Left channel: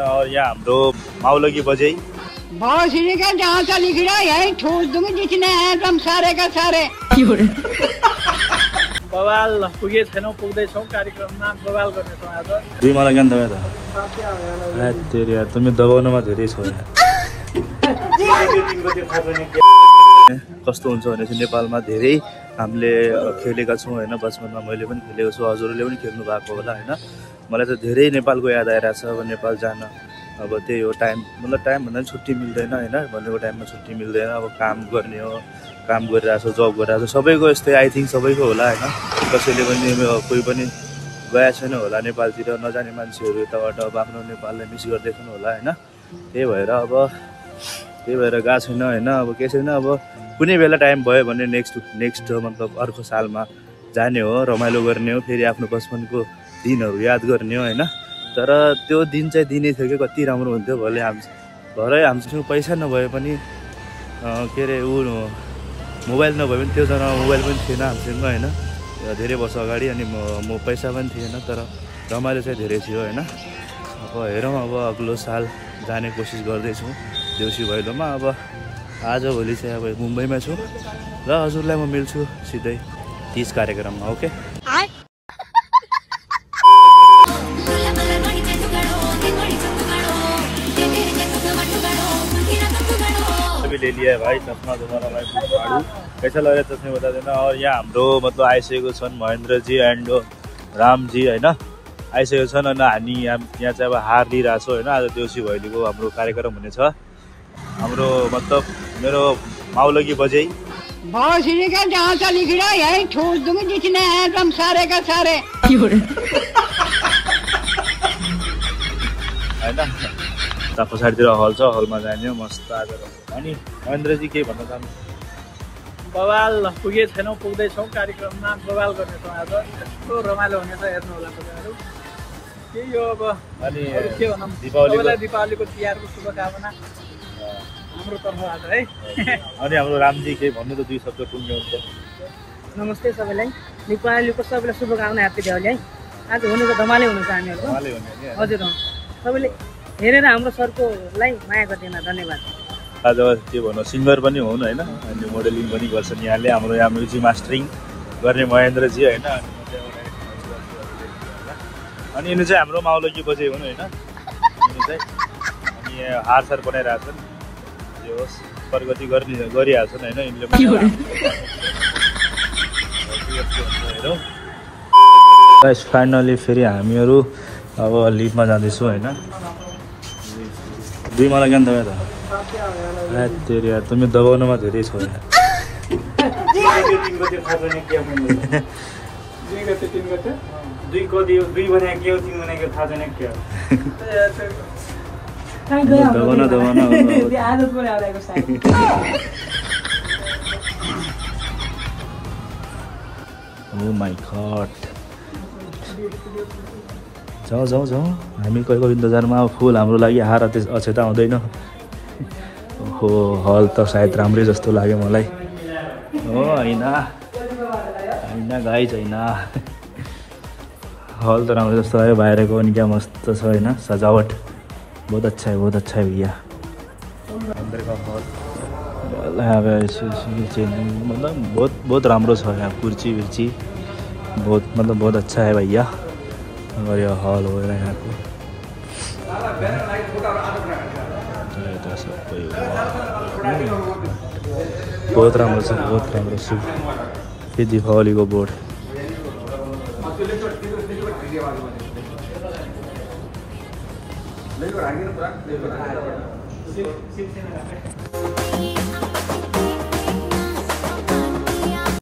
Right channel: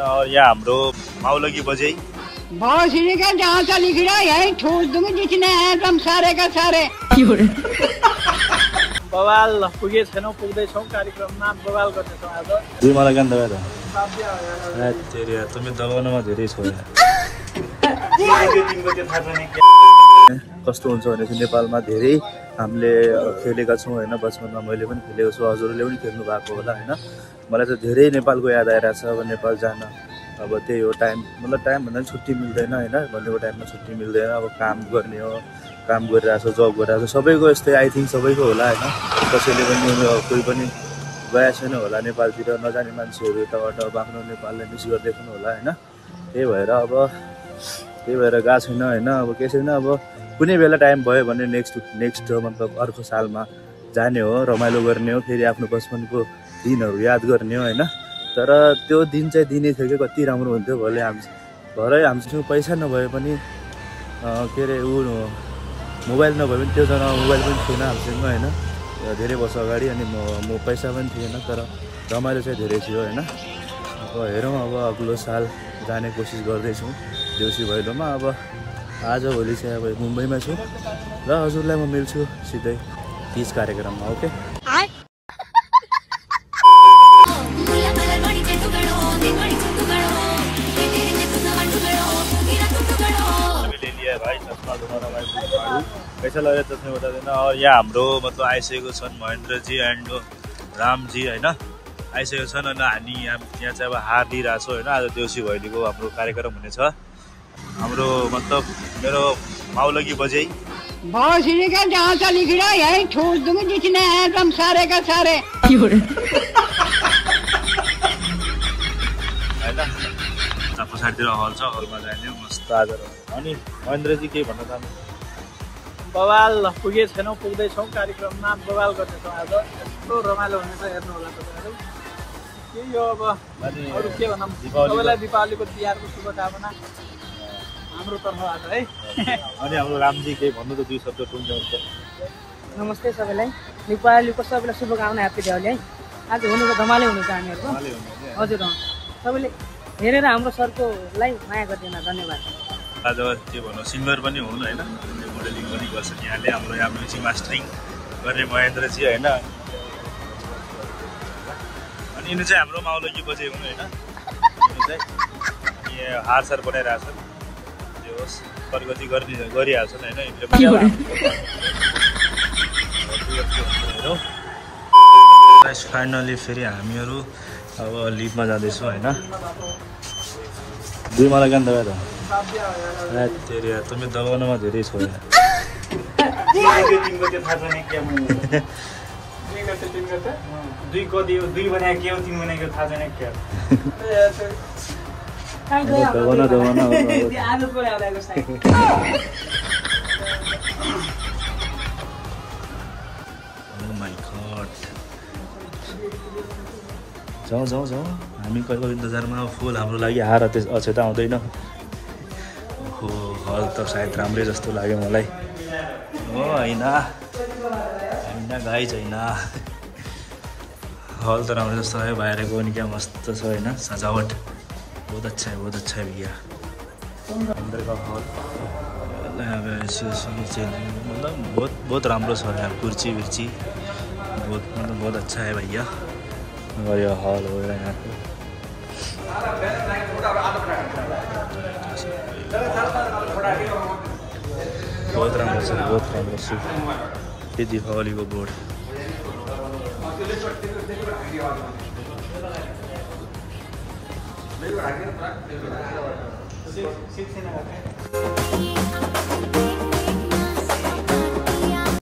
और यहाँ हाम्रो माउलगी बजै भोसड़ी का जहाँ का लिख रहा है यही ठोस दूंगी जितने हैं तुम सारे का सारे बवाल पुगे छैनौं पुग्दैछौं कार्यक्रममा बवाल गर्नेछौं आज तेरे यार तुम्हें दबाउनमा धेरै छ कस्तो हुन्छ भने चाहिँ नेपालमा धेरै हामीले खेलेका छौं हैन बचपनमा मैले पनि खेलेको छु हजुरले पनि खेल्नु भएको होला हैन मलाई त धेरै नेपालको याद आइरा छ अब नेपाल जान अब त्यही हो टाइम मतलब टाइम भन्दा छुट्टी मिल्दैन हैन भनेको टाइममा छुट्टी मिल्दैन अब काम गर्ने हो काम गरिरहेछ जब गरिरहेछ सबैको यस्तै आई थिंक सबैको होला हैन कसैले पनि कोही पनि गए छैन होला नेपालतिर नजाने मान्छेहरु यताबाट अब आफ्नो नेपाललाई मिस गर्दैछन् होला हैन त्यही भएर गएको छैन हैन अब के छैन अब कुनै बेला टाइम भयो भने नेक्स्ट मतलब अर्को सालमा जाने हो रमाइलो गर्ने हो फेरि आफ्नो बचपनको दिनहरु याद गर्ने हो हैन तर त्यो दिन चाहिँ दिनै थियो के कति राम्रो हुन्थ्यो भले भरै हामीसँग पैसा नभए पनि के रे मोबाइल नभए पनि त्यो जना मोबाइल पनि थिएन हामीसँग हैन धेरै वर्ष अगाडि अनि म पैसा पनि थिएन तर रमाइलो चाहिँ धेरै थियो हैन अब हेरौँ अब अग्लो साल जाने कोसिस गर्दै छु देउसी भैलोमा अब आज भोलि चाहिँ अब मुम्बईमा छु र हजुरलाई म मिल्छु सिधै 30 कार्यक्रममा ओके ले लिया है भाई चश्मा तुम्हारा भाई फाड़ू कैसा लग रहा है चश्मे बता देना और यहाँ हाम्रो मतलब आइसकेको छन् महेन्द्र जी एन्ड राम जी हैन आइसकेको छन् अनि हामी यहाँ चाहिँ अब हार लिइराछौ हैन आज देउसी भैलीको हाम्रो कार्यक्रम हुनेछ हाम्रो मतलब मेरो माउलगी बजै भोसड़ी का जहाँ का लिख रहा है यही ठोस दूंगी जितने हैं तुम सारे का सारे हैन ता पछाडितिर हल छ हलमा जाने हो मस्त आज अनि महेन्द्रजी के भन्न चाहनु बवाल पुगे छैनौं पुग्दैछौं कार्यक्रममा बवाल गर्नेछौं आज यस्तो रमाइलो हुनेछ हेर्नु होला तपाईहरु के यो अब अनि अरु के भनौं दीपावलीको तिहारको शुभकामना हाम्रो तर्फबाट है अनि हाम्रो रामजी के भन्नु त दुई शब्द टुङ्ग्याउँछ नमस्ते सबैलाई दीपावलीको सबैलाई शुभकामना ह्यापी दिवाली है आज हुनेको धमालै हुनेछ हामीहरुको हजुर सबैले हेरेर हाम्रो सरकोलाई माया गर्दिन धन्यवाद आज के भन्नु सिंगर पनि हुनु हैन अनि मोडलिङ पनि गर्छन् यहाँले हाम्रो यहाँ म्युजिक मास्टरिङ गर्ने महेन्द्र जी हैन अनि यिनी चाहिँ हाम्रो माउलगी बजै हुनु हैन यिनी चाहिँ अनि हार सार बनाइराछन् जे होस् प्रगति गरिहाल्छन् हैन यिनले पनि हेरौँ गाइस फाइनली फेरि हामीहरु अब लिफमा जाँदैछौँ हैन तेरे यार तुम्हें दबाउनमा धेरै छ Oh my god जाऊ हामी कहिले इन्तजारमा फुल हाम्रो लागि हार अछेटा हुँदैन ओहो हल त सायद राम्रै जस्तो लाग्यो मलाई हो हैन गाई छैन हल त राम्रो जस्तो लाग्यो बाहिरको पनि क्या मस्त छ हैन सजावट बहुत अच्छा है भैया अंदर का हॉल मतलब बहुत राम्रो छ यहाँ कुर्सी विर्ची बहुत अच्छा है भैया यो हल हो बहुत राम्रो छ यो दीपावलीको बोर्ड